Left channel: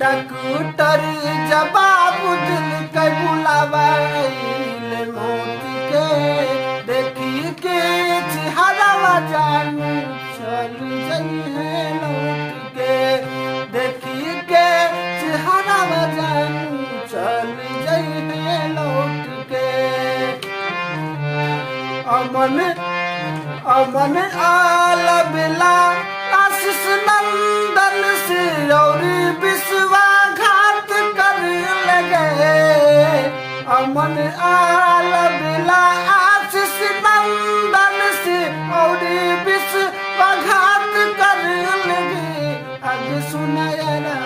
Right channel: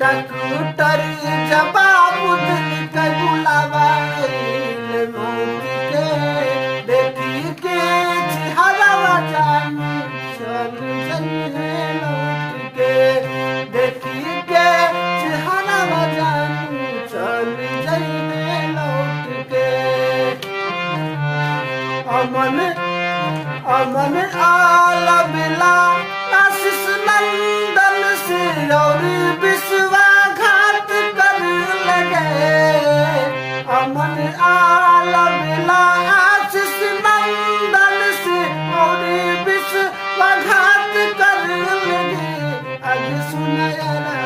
doctor जवाब दिल के बुलावाइल मौत के देखी के चेहरा जानू चल जइहे लौट के देखी के चेहरा जानू चल जइहे लौट के अमन अमन आला बिला आशीष नंदन से और विश्वासघात कर लगे अमन आला बिला आशीष नंदन से और विश्वासघात कर लगे अब सुनयरा